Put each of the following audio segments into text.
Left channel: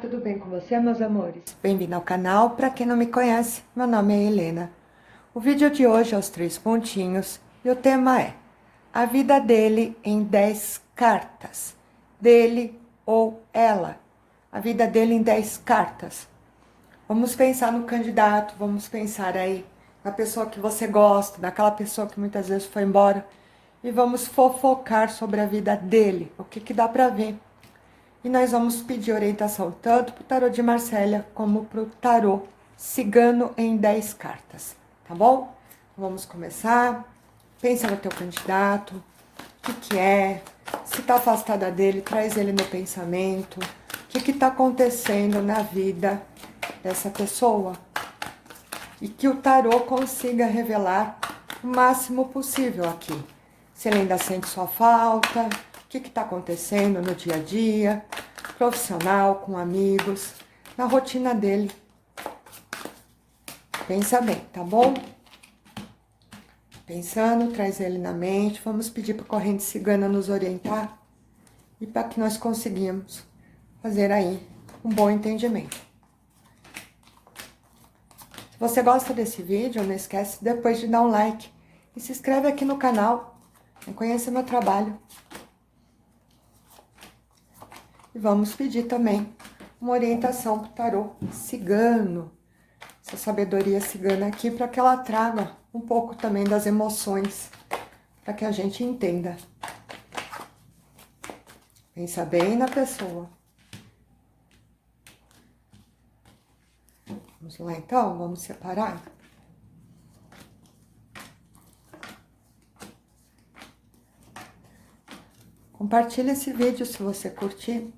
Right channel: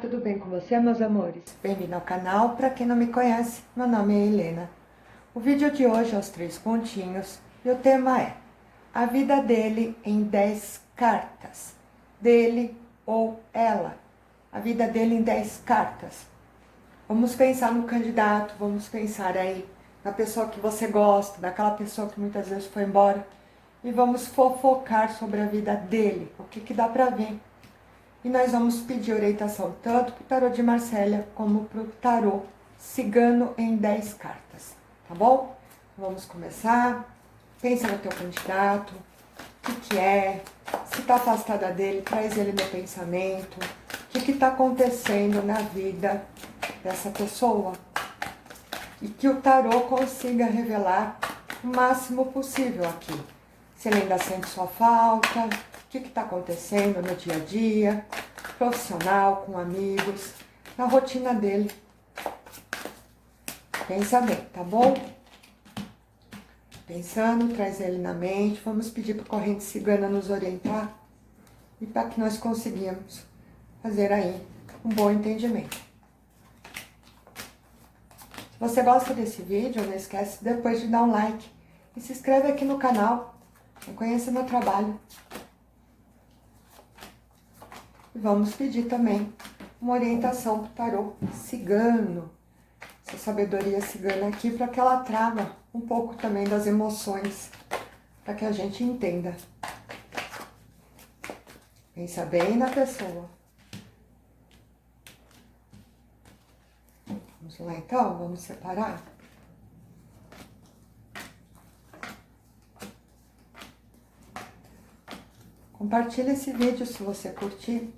tudo bem com você, meus amores? Bem-vindo ao canal. Para quem não me conhece, meu nome é Helena. O vídeo de hoje é os 3 pontinhos e o tema é a vida dele em 10 cartas. Dele ou ela. A vida dele em 10 cartas. Vamos pensar no candidato, vamos pensar aí na pessoa que você gosta, daquela pessoa que muitas vezes foi embora. E vamos fofocar sobre a vida dele, o que dá para ver. E nós vamos pedir orientação tanto para o tarô de Marcélia como para o tarô cigano em 10 cartas, tá bom? Vamos começar. Pensa no teu candidato, o que é, se está afastada dele, traz ele no pensamento, o que está acontecendo na vida dessa pessoa. E que o tarô consiga revelar o máximo possível aqui. Se ele ainda sente sua falta, o que está acontecendo no dia a dia, profissional, com amigos, na rotina dele. Pensa bem, tá bom? Pensando, traz ele na mente. Vamos pedir para a corrente cigana nos orientar e para que nós conseguimos fazer aí um bom entendimento. Se você gosta desse vídeo, não esquece depois de dar um like e se inscreve aqui no canal. Conheça meu trabalho. E vamos pedir também uma orientação para o tarô cigano, essa sabedoria cigana aqui, para que ela traga um pouco também das emoções, para que a gente entenda. Pensa bem na pessoa. Vamos lá então, vamos separar. Compartilhe esse vídeo se você curtir.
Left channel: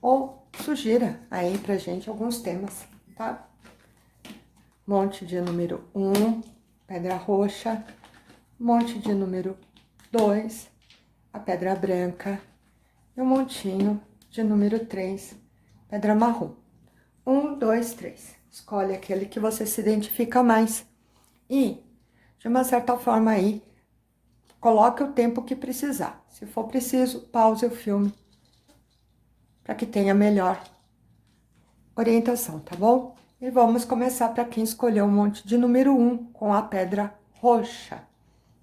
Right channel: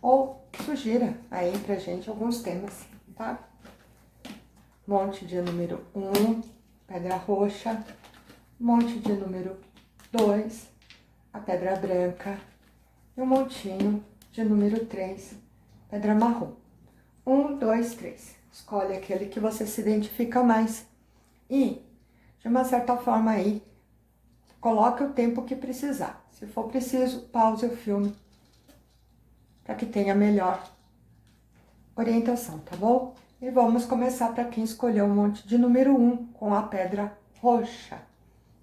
Ou sugira aí pra gente alguns temas, tá? Monte de número 1, pedra roxa. Monte de número 2, a pedra branca. E um montinho de número 3, pedra marrom. 1, 2, 3. Escolhe aquele que você se identifica mais. E, de uma certa forma aí, coloque o tempo que precisar. Se for preciso, pause o filme para que tenha melhor orientação, tá bom? E vamos começar para quem escolheu o monte de número 1 com a pedra roxa.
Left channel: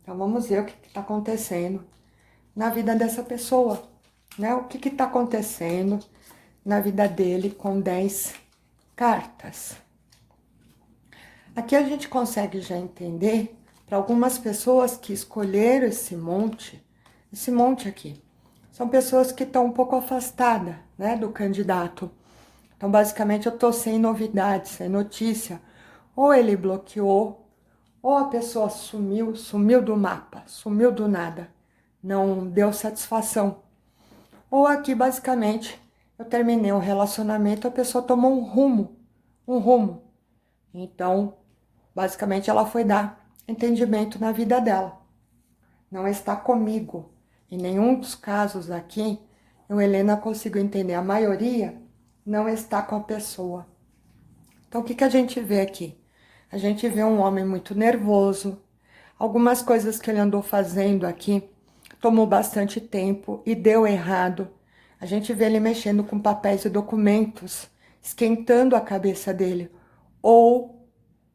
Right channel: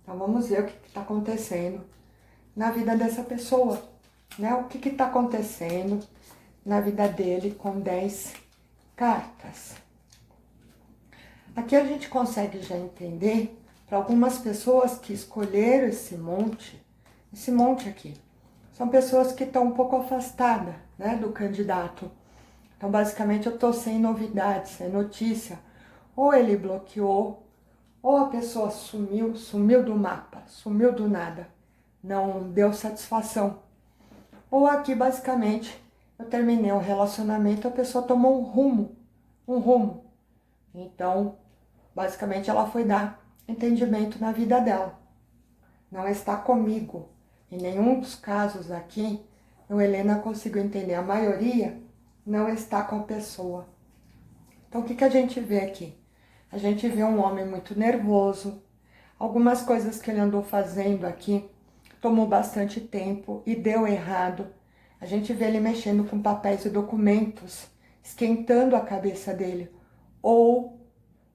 Então, vamos ver o que está acontecendo na vida dessa pessoa, né? O que está acontecendo na vida dele com 10 cartas. Aqui a gente consegue já entender, para algumas pessoas que escolheram esse monte aqui, são pessoas que estão um pouco afastadas, né, do candidato. Então, basicamente, eu tô sem novidades, sem notícia. Ou ele bloqueou, ou a pessoa sumiu do mapa, sumiu do nada. Não deu satisfação. Ou aqui, basicamente, eu terminei um relacionamento, a pessoa tomou um rumo. Então, basicamente, ela foi dar entendimento na vida dela. Não está comigo. Em nenhum dos casos aqui, eu, Helena, consigo entender. A maioria não está com a pessoa. Então, o que a gente vê aqui? A gente vê um homem muito nervoso. Algumas coisas que ele andou fazendo aqui tomou bastante tempo e deu errado. A gente vê ele mexendo com papéis e documentos, esquentando a cabeça dele. Ou,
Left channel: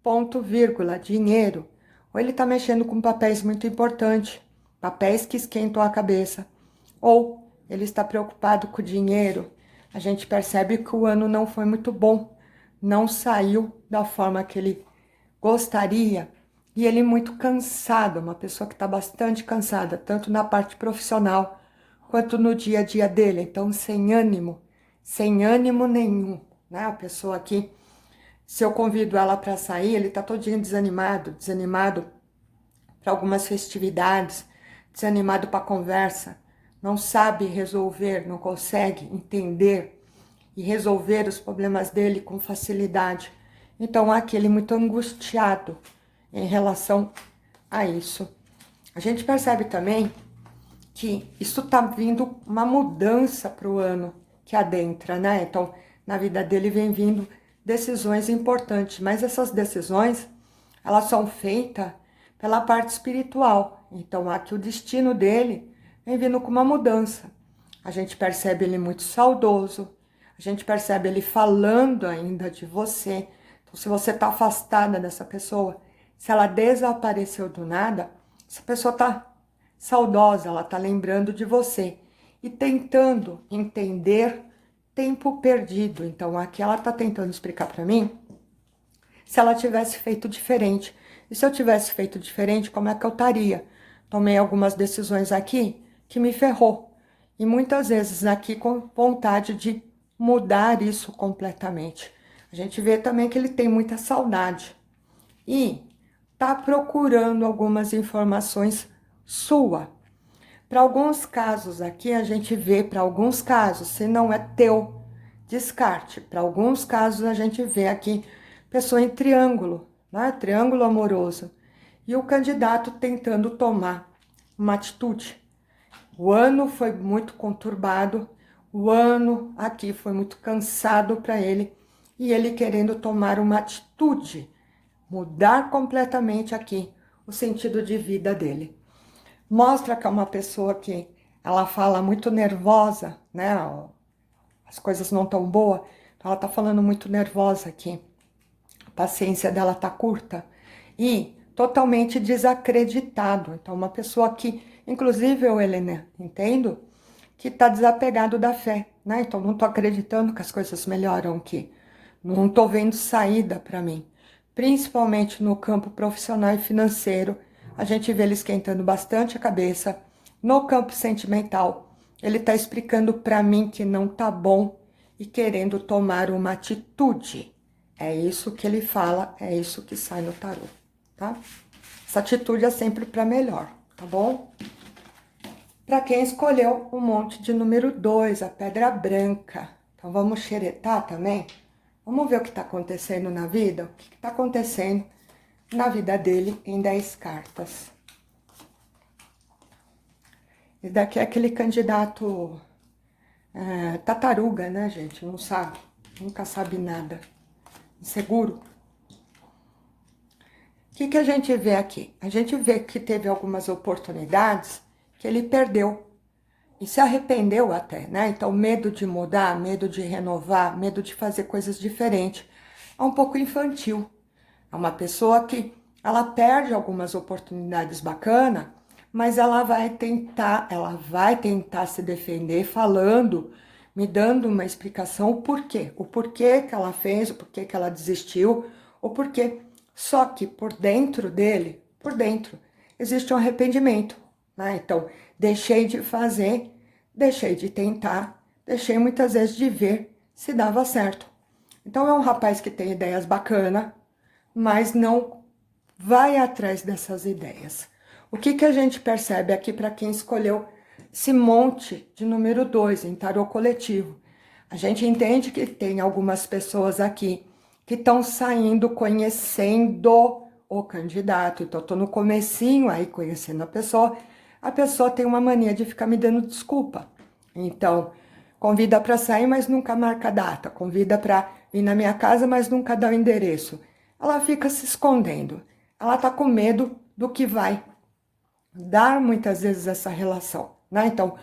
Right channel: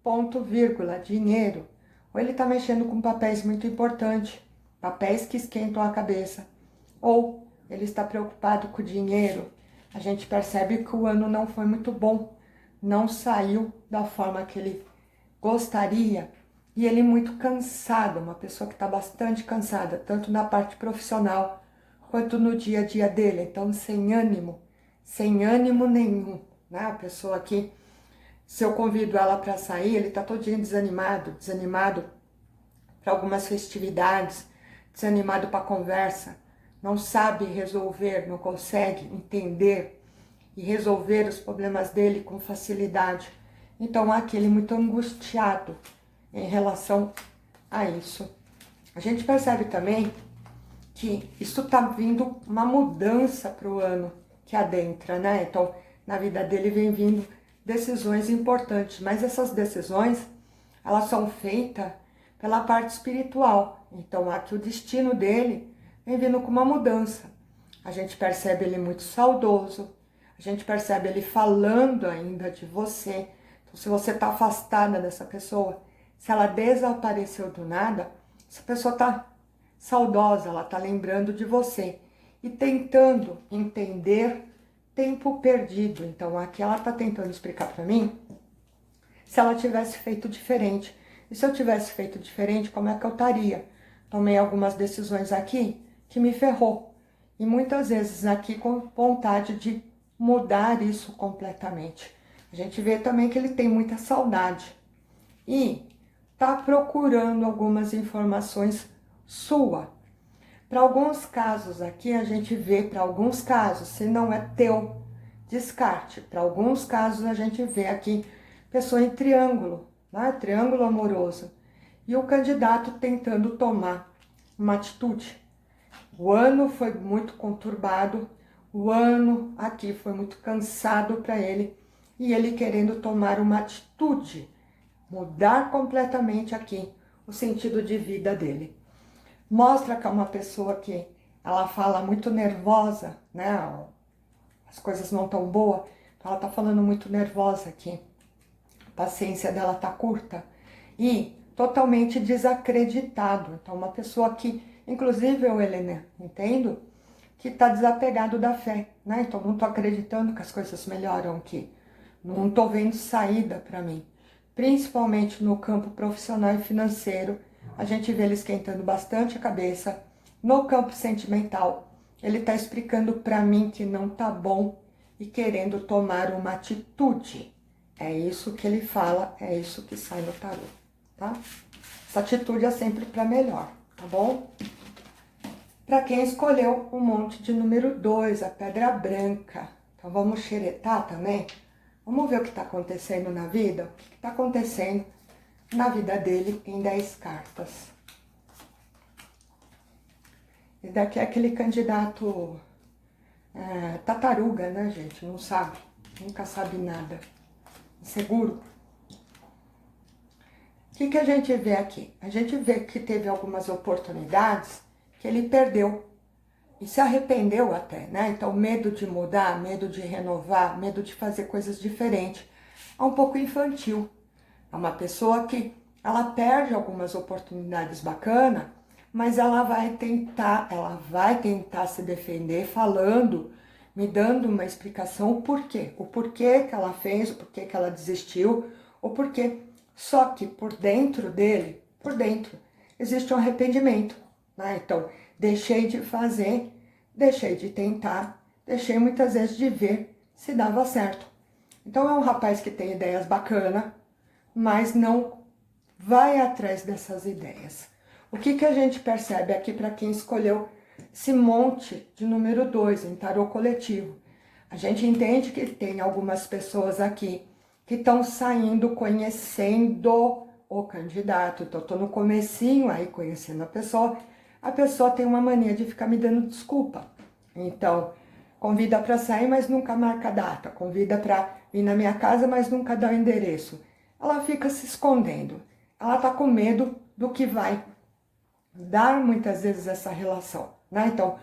ponto, vírgula, dinheiro. Ou ele está mexendo com papéis muito importantes, papéis que esquentam a cabeça. Ou ele está preocupado com o dinheiro. A gente percebe que o ano não foi muito bom, não saiu da forma que ele gostaria. E ele muito cansado, uma pessoa que está bastante cansada, tanto na parte profissional quanto no dia a dia dele. Então, sem ânimo nenhum, né? A pessoa aqui, se eu convido ela para sair, ele está todinho desanimado para algumas festividades, desanimado para a conversa, não sabe resolver, não consegue entender e resolver os problemas dele com facilidade. Então, há aquele muito angustiado em relação a isso. A gente percebe também que isso está vindo uma mudança para o ano que adentra, né? Então, na vida dele vem vindo decisões importantes, mas essas decisões, elas são feitas pela parte espiritual. Então, aqui o destino dele vem vindo com uma mudança. a gente percebe ele muito saudoso, a gente percebe ele falando ainda de você. Então, se você está afastada dessa pessoa, se ela desapareceu do nada, essa pessoa está saudosa, ela está lembrando de você e tentando entender tempo perdido. Então, aqui ela está tentando explicar para mim se ela tivesse feito diferente. E se eu tivesse feito diferente, como é que eu estaria? Tomei algumas decisões aqui que me ferrou. E muitas vezes aqui com vontade de mudar isso completamente. A gente vê também que ele tem muita saudade. E tá procurando algumas informações sua. Para alguns casos aqui, a gente vê, para alguns casos, se não é teu, descarte. Para alguns casos, a gente vê aqui pessoa em triângulo, né? Triângulo amoroso. E o candidato tentando tomar uma atitude. O ano foi muito conturbado, o ano aqui foi muito cansado para ele, e ele querendo tomar uma atitude, mudar completamente aqui o sentido de vida dele. Mostra que é uma pessoa que ela fala muito nervosa, né? As coisas não tão boas, então ela tá falando muito nervosa aqui. A paciência dela tá curta e totalmente desacreditado. Então, uma pessoa que, inclusive eu, Helena, entendo que tá desapegado da fé, né? Então, não tô acreditando que as coisas melhoram aqui. Não tô vendo saída para mim. Principalmente no campo profissional e financeiro, a gente vê ele esquentando bastante a cabeça. No campo sentimental, ele tá explicando para mim que não tá bom e querendo tomar uma atitude. É isso que ele fala, é isso que sai no tarô, tá? Essa atitude é sempre para melhor, tá bom? Para quem escolheu o monte de número 2, a pedra branca. Então vamos xeretar também? Vamos ver o que está acontecendo na vida? O que está acontecendo na vida dele em 10 cartas. Esse daqui é aquele candidato tartaruga, né, gente? Não sabe, nunca sabe nada. Inseguro. O que a gente vê aqui? A gente vê que teve algumas oportunidades que ele perdeu. E se arrependeu até, né? Então, medo de mudar, medo de renovar, medo de fazer coisas diferentes. É um pouco infantil. É uma pessoa que ela perde algumas oportunidades bacanas, mas ela vai tentar se defender falando, me dando uma explicação o porquê. O porquê que ela fez, o porquê que ela desistiu, o porquê. Só que por dentro dele, por dentro, existe um arrependimento, né? Então, deixei de fazer, deixei de tentar, deixei muitas vezes de ver se dava certo. Então, é um rapaz que tem ideias bacanas, mas não vai atrás dessas ideias. O que a gente percebe aqui para quem escolheu esse monte de número 2 em tarô coletivo? A gente entende que tem algumas pessoas aqui que estão saindo conhecendo o candidato. Então, eu tô no comecinho aí conhecendo a pessoa tem uma mania de ficar me dando desculpa. Então, convida para sair, mas nunca marca data. Convida para vir na minha casa, mas nunca dá o endereço. Ela fica se escondendo. Ela tá com medo do que vai dar muitas vezes essa relação, né? Então,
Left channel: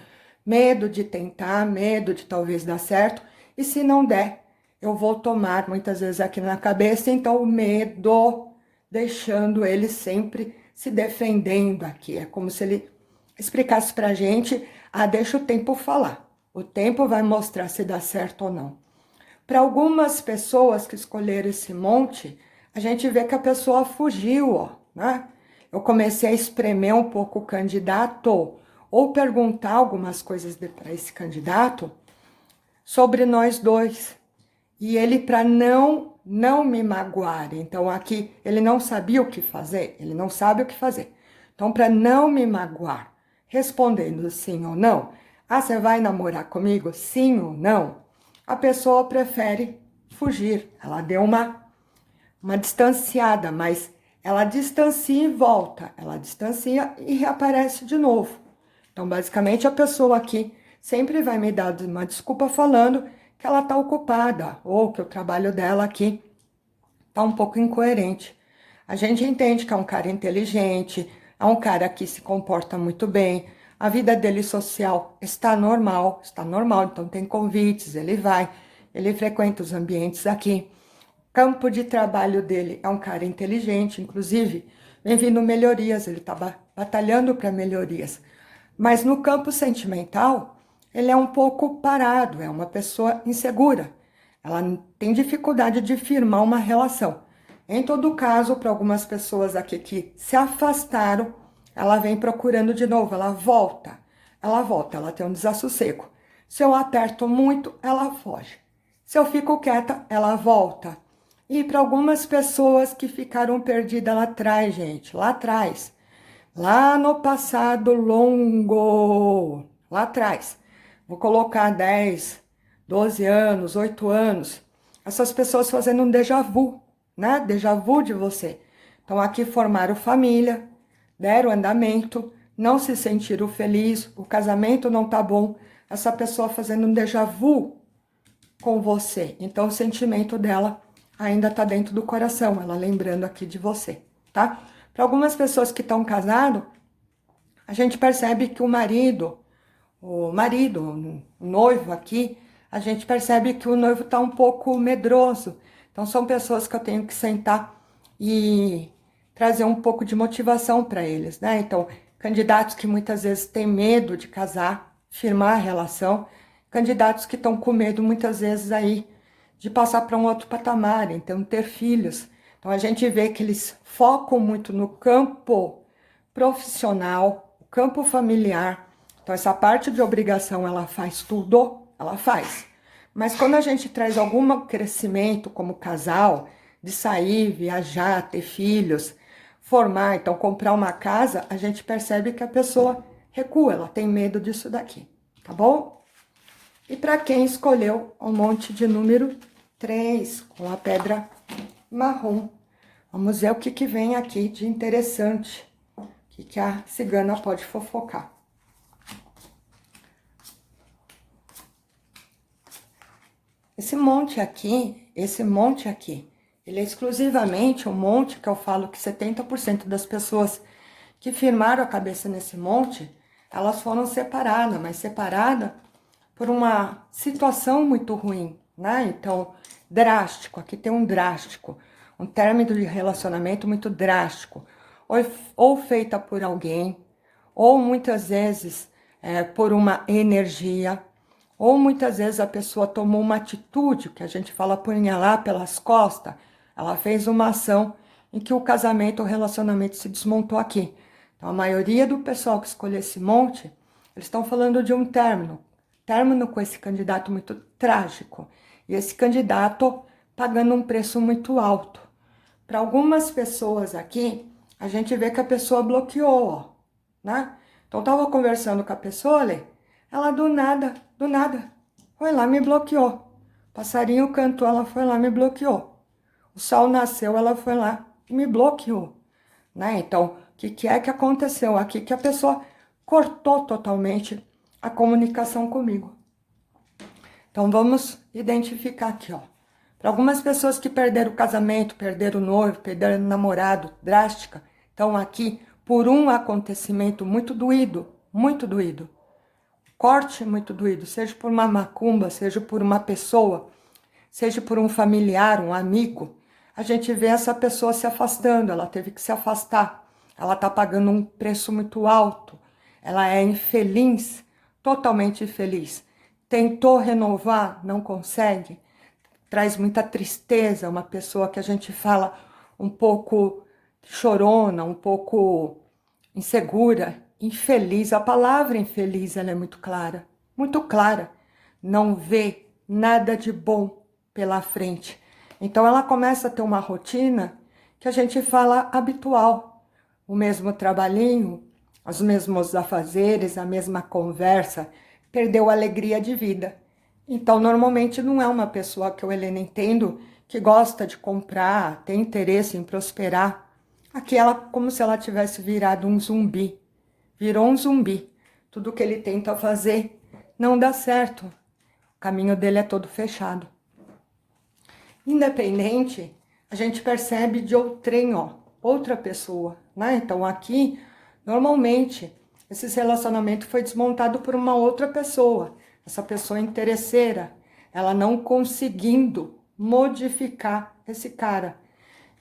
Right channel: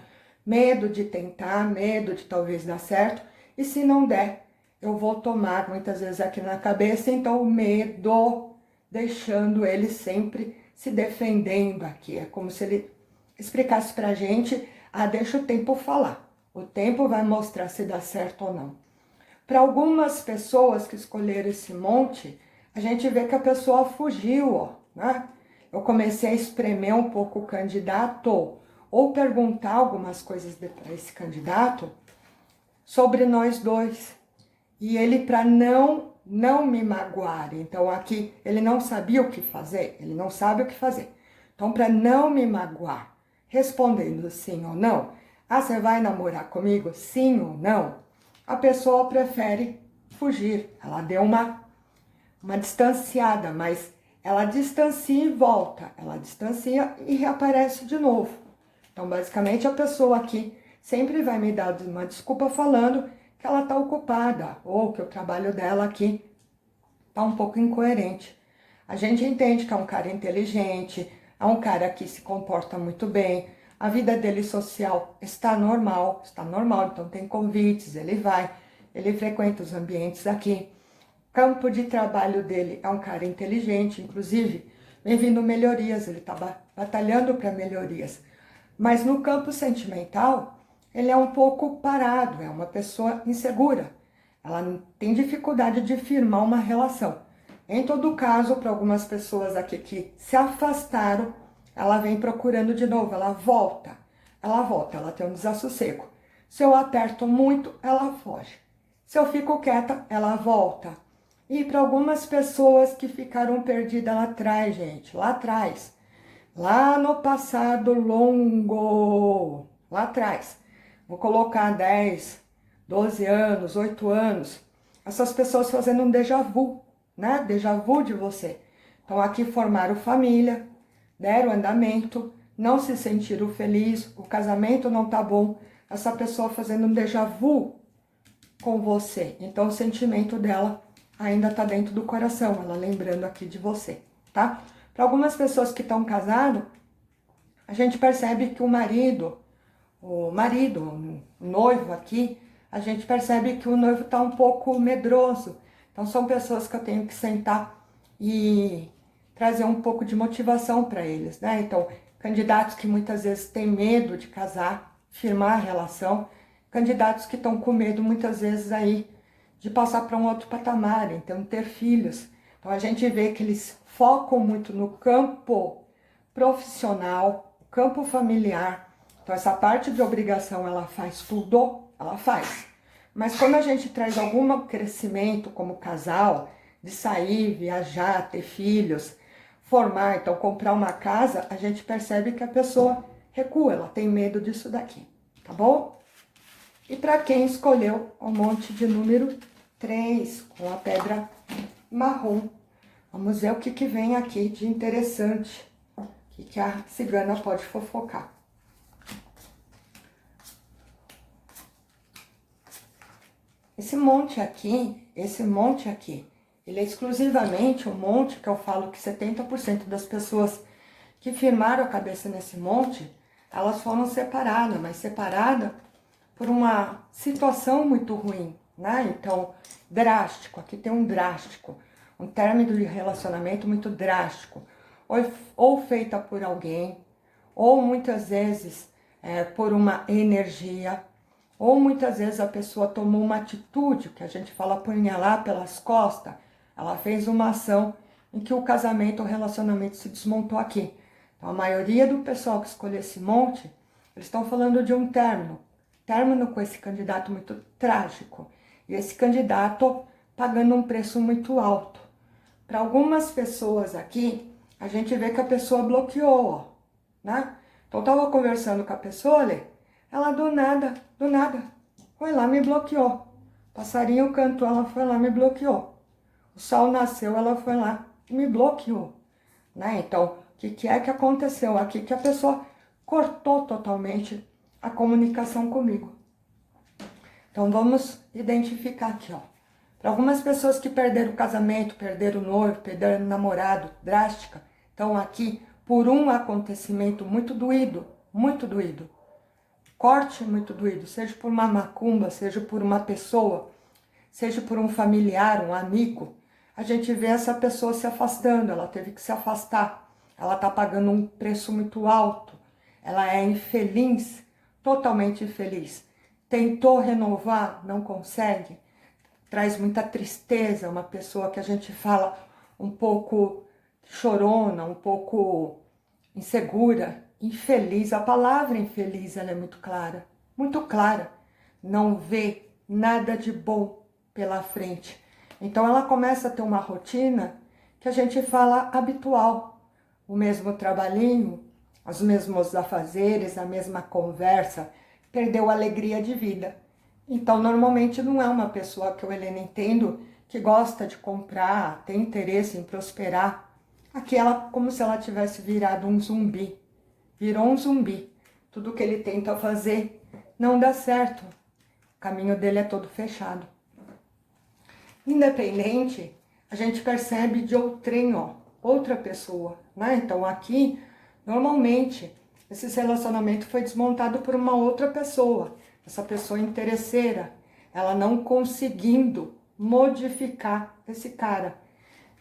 medo de tentar, medo de talvez dar certo. E se não der, eu vou tomar muitas vezes aqui na cabeça. Então, o medo deixando ele sempre se defendendo aqui. É como se ele explicasse pra gente, deixa o tempo falar. O tempo vai mostrar se dá certo ou não. Para algumas pessoas que escolheram esse monte, a gente vê que a pessoa fugiu, ó, né? Eu comecei a espremer um pouco o candidato, ou perguntar algumas coisas para esse candidato sobre nós dois. E ele, para não me magoar, então aqui ele não sabia o que fazer, ele não sabe o que fazer. Então, para não me magoar, respondendo sim ou não, você vai namorar comigo? Sim ou não? A pessoa prefere fugir. Ela deu uma distanciada, mas ela distancia e volta. Ela distancia e reaparece de novo. Então, basicamente, a pessoa aqui sempre vai me dar uma desculpa falando que ela está ocupada ou que o trabalho dela aqui está um pouco incoerente. A gente entende que é um cara inteligente, é um cara que se comporta muito bem, A vida dele social está normal, então tem convites, ele vai, ele frequenta os ambientes aqui. Campo de trabalho dele é um cara inteligente, inclusive, vem vindo melhorias, ele está batalhando para melhorias. Mas no campo sentimental, ele é um pouco parado, é uma pessoa insegura. Ela tem dificuldade de firmar uma relação. Em todo caso, para algumas pessoas aqui que se afastaram, ela vem procurando de novo, ela volta, ela tem um desassossego. Se eu aperto muito, ela foge. Se eu fico quieta, ela volta. E para algumas pessoas que ficaram perdidas lá atrás, gente, lá atrás, lá no passado longo, lá atrás, vou colocar 10, 12 anos, 8 anos, essas pessoas fazendo um déjà vu, né? Déjà vu de você. Então aqui formaram família, deram andamento, não se sentiram felizes, o casamento não tá bom, essa pessoa fazendo um déjà vu com você. Então o sentimento dela ainda tá dentro do coração, ela lembrando aqui de você, tá? Para algumas pessoas que estão casadas, a gente percebe que o marido, o noivo aqui, a gente percebe que o noivo está um pouco medroso. Então, são pessoas que eu tenho que sentar e trazer um pouco de motivação para eles, né? Então, candidatos que muitas vezes têm medo de casar, firmar a relação, candidatos que estão com medo muitas vezes aí de passar para um outro patamar, então ter filhos. Então, a gente vê que eles focam muito no campo profissional, campo familiar. Então, essa parte de obrigação, ela faz tudo, ela faz. Mas quando a gente traz algum crescimento como casal, de sair, viajar, ter filhos, formar, então comprar uma casa, a gente percebe que a pessoa recua, ela tem medo disso daqui, tá bom? E para quem escolheu o monte de número 3, com a pedra marrom, vamos ver o que vem aqui de interessante, o que a cigana pode fofocar. Esse monte aqui, ele é exclusivamente um monte que eu falo que 70% das pessoas que firmaram a cabeça nesse monte, elas foram separadas, mas separadas por uma situação muito ruim, né? Então, drástico, aqui tem um drástico, um término de relacionamento muito drástico, ou feita por alguém, ou muitas vezes por uma energia, ou muitas vezes a pessoa tomou uma atitude, que a gente fala apunhalar pelas costas, ela fez uma ação em que o casamento, o relacionamento se desmontou aqui. Então, a maioria do pessoal que escolheu esse monte, eles estão falando de um término com esse candidato muito trágico, e esse candidato pagando um preço muito alto. Para algumas pessoas aqui, a gente vê que a pessoa bloqueou, ó, né? Então, eu tava conversando com a pessoa ali, ela do nada, foi lá, me bloqueou. Passarinho cantou, ela foi lá, me bloqueou. O sol nasceu, ela foi lá e me bloqueou, né? Então, o que é que aconteceu aqui? Que a pessoa cortou totalmente a comunicação comigo. Então, vamos identificar aqui, ó. Para algumas pessoas que perderam o casamento, perderam o noivo, perderam o namorado, drástica, estão aqui por um acontecimento muito doído, corte muito doído, seja por uma macumba, seja por uma pessoa, seja por um familiar, um amigo, a gente vê essa pessoa se afastando, ela teve que se afastar, ela está pagando um preço muito alto, ela é infeliz, totalmente infeliz. Tentou renovar, não consegue, traz muita tristeza, uma pessoa que a gente fala um pouco chorona, um pouco insegura, infeliz. A palavra infeliz, ela é muito clara, não vê nada de bom pela frente. Então ela começa a ter uma rotina que a gente fala habitual, o mesmo trabalhinho, os mesmos afazeres, a mesma conversa, perdeu a alegria de vida. Então, normalmente não é uma pessoa que eu, Helena, entendo que gosta de comprar, tem interesse em prosperar. Aqui ela, como se ela tivesse virado um zumbi. Virou um zumbi. Tudo que ele tenta fazer não dá certo. O caminho dele é todo fechado. Independente, a gente percebe de outrem, ó, outra pessoa, né? Então aqui, normalmente, esse relacionamento foi desmontado por uma outra pessoa, essa pessoa interesseira, ela não conseguindo modificar esse cara.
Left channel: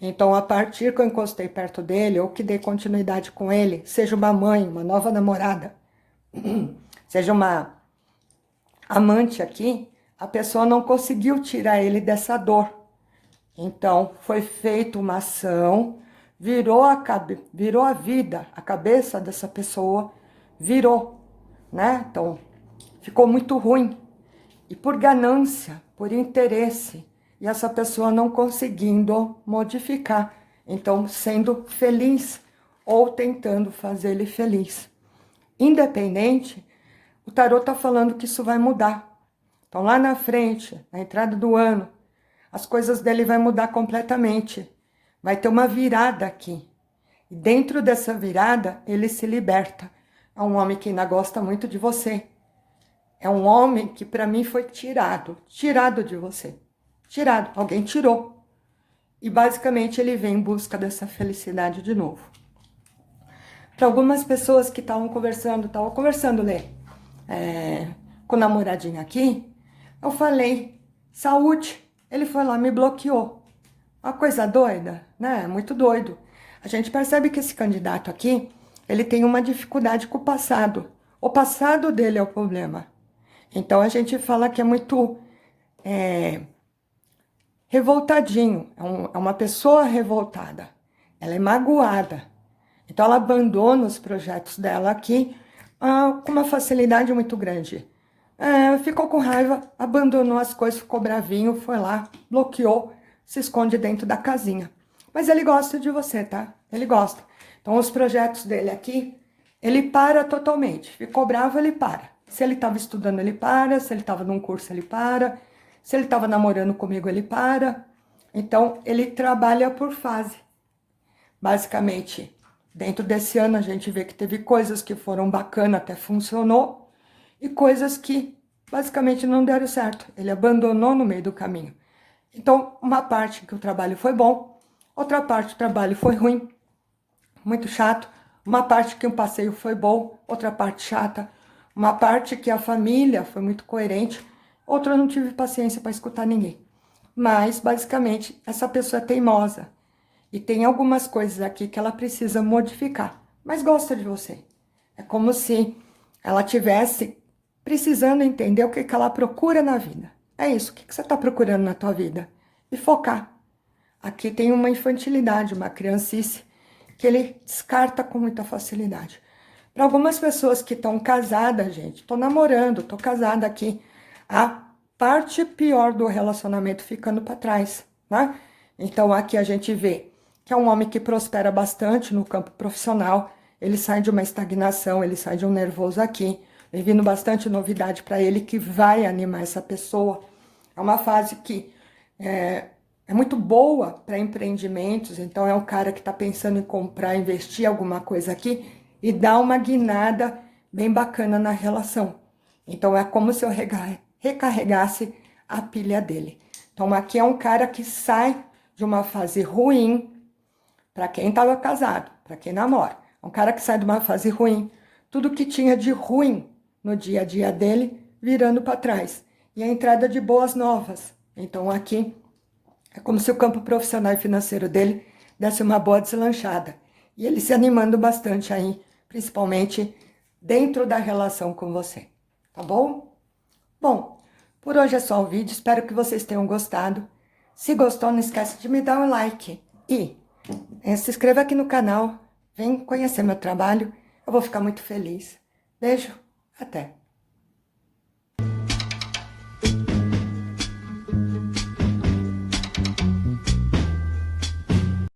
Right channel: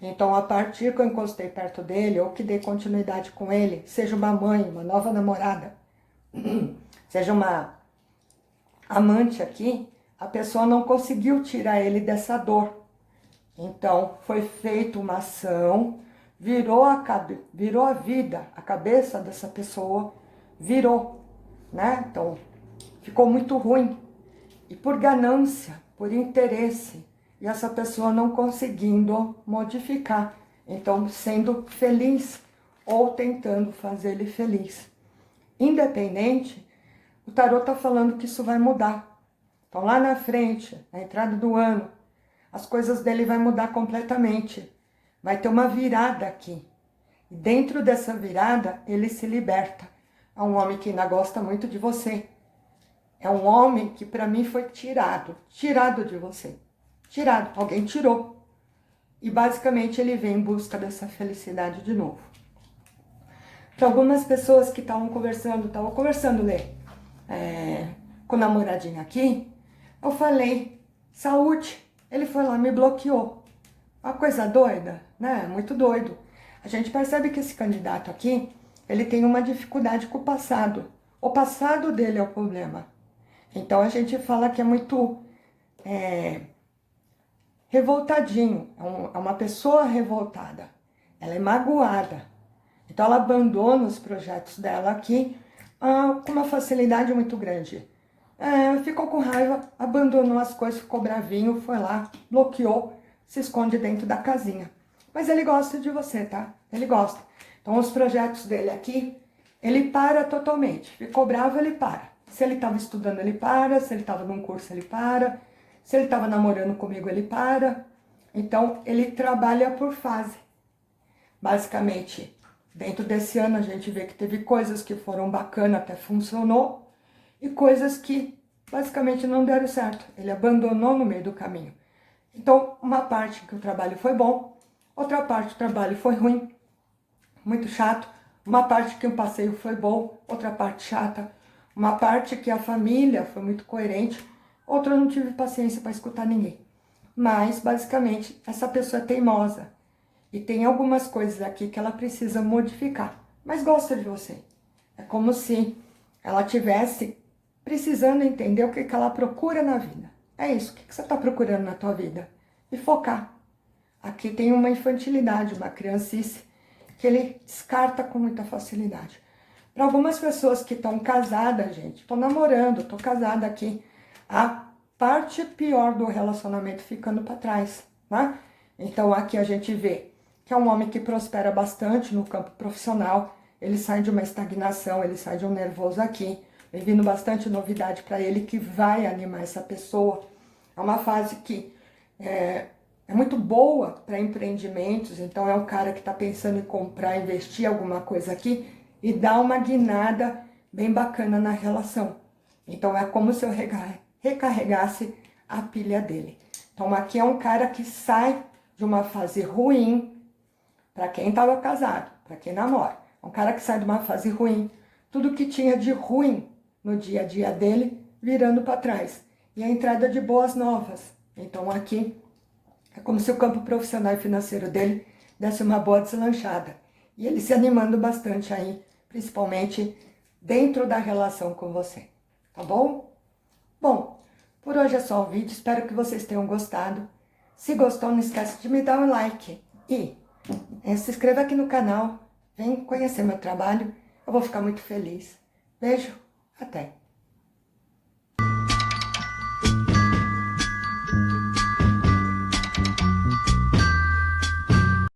Então, a partir que eu encostei perto dele, ou que dei continuidade com ele, seja uma mãe, uma nova namorada, seja uma amante aqui, a pessoa não conseguiu tirar ele dessa dor. Então, foi feita uma ação, virou a vida, a cabeça dessa pessoa virou, né? Então, ficou muito ruim. E por ganância, por interesse, e essa pessoa não conseguindo modificar, então sendo feliz ou tentando fazer ele feliz. Independente, o tarô está falando que isso vai mudar. Então lá na frente, na entrada do ano, as coisas dele vai mudar completamente. Vai ter uma virada aqui. E dentro dessa virada, ele se liberta. É um homem que ainda gosta muito de você. É um homem que para mim foi tirado de você. Tirado, alguém tirou. E basicamente ele vem em busca dessa felicidade de novo. Para algumas pessoas que estavam conversando, Lê, com o namoradinho aqui, eu falei, saúde. Ele foi lá, me bloqueou. Uma coisa doida, né? Muito doido. A gente percebe que esse candidato aqui, ele tem uma dificuldade com o passado. O passado dele é o problema. Então, a gente fala que é muito revoltadinho, é uma pessoa revoltada, ela é magoada. Então, ela abandona os projetos dela aqui com uma facilidade muito grande. Ficou com raiva, abandonou as coisas, ficou bravinho, foi lá, bloqueou, se esconde dentro da casinha. Mas ele gosta de você, tá? Ele gosta. Então, os projetos dele aqui, ele para totalmente. Ficou bravo, ele para. Se ele estava estudando, ele para. Se ele estava num curso, ele para. Se ele estava namorando comigo, ele para. Então, ele trabalha por fase. Basicamente, dentro desse ano, a gente vê que teve coisas que foram bacanas, até funcionou, e coisas que basicamente não deram certo. Ele abandonou no meio do caminho. Então, uma parte que o trabalho foi bom, outra parte do trabalho foi ruim, muito chato. Uma parte que o passeio foi bom, outra parte chata. Uma parte que a família foi muito coerente, outra eu não tive paciência para escutar ninguém. Mas, basicamente, essa pessoa é teimosa. E tem algumas coisas aqui que ela precisa modificar. Mas gosta de você. É como se ela tivesse precisando entender o que ela procura na vida. É isso, o que você está procurando na tua vida? E focar. Aqui tem uma infantilidade, uma criancice, que ele descarta com muita facilidade. Para algumas pessoas que estão casadas, gente, estou namorando, estou casada aqui, a parte pior do relacionamento ficando para trás, né? Então aqui a gente vê que é um homem que prospera bastante no campo profissional, ele sai de uma estagnação, ele sai de um nervoso aqui, vem vindo bastante novidade para ele que vai animar essa pessoa. É uma fase que é muito boa para empreendimentos, então é um cara que está pensando em comprar, investir alguma coisa aqui e dar uma guinada bem bacana na relação. Então é como se eu recarregasse a pilha dele. Então aqui é um cara que sai de uma fase ruim, para quem estava casado, para quem namora. É um cara que sai de uma fase ruim, tudo que tinha de ruim no dia a dia dele, virando para trás. E a entrada de boas novas. Então aqui é como se o campo profissional e financeiro dele desse uma boa deslanchada. E ele se animando bastante aí, principalmente dentro da relação com você. Tá bom? Bom, por hoje é só o vídeo. Espero que vocês tenham gostado. Se gostou, não esquece de me dar um like. E se inscreva aqui no canal. Vem conhecer meu trabalho. Eu vou ficar muito feliz. Beijo. Até.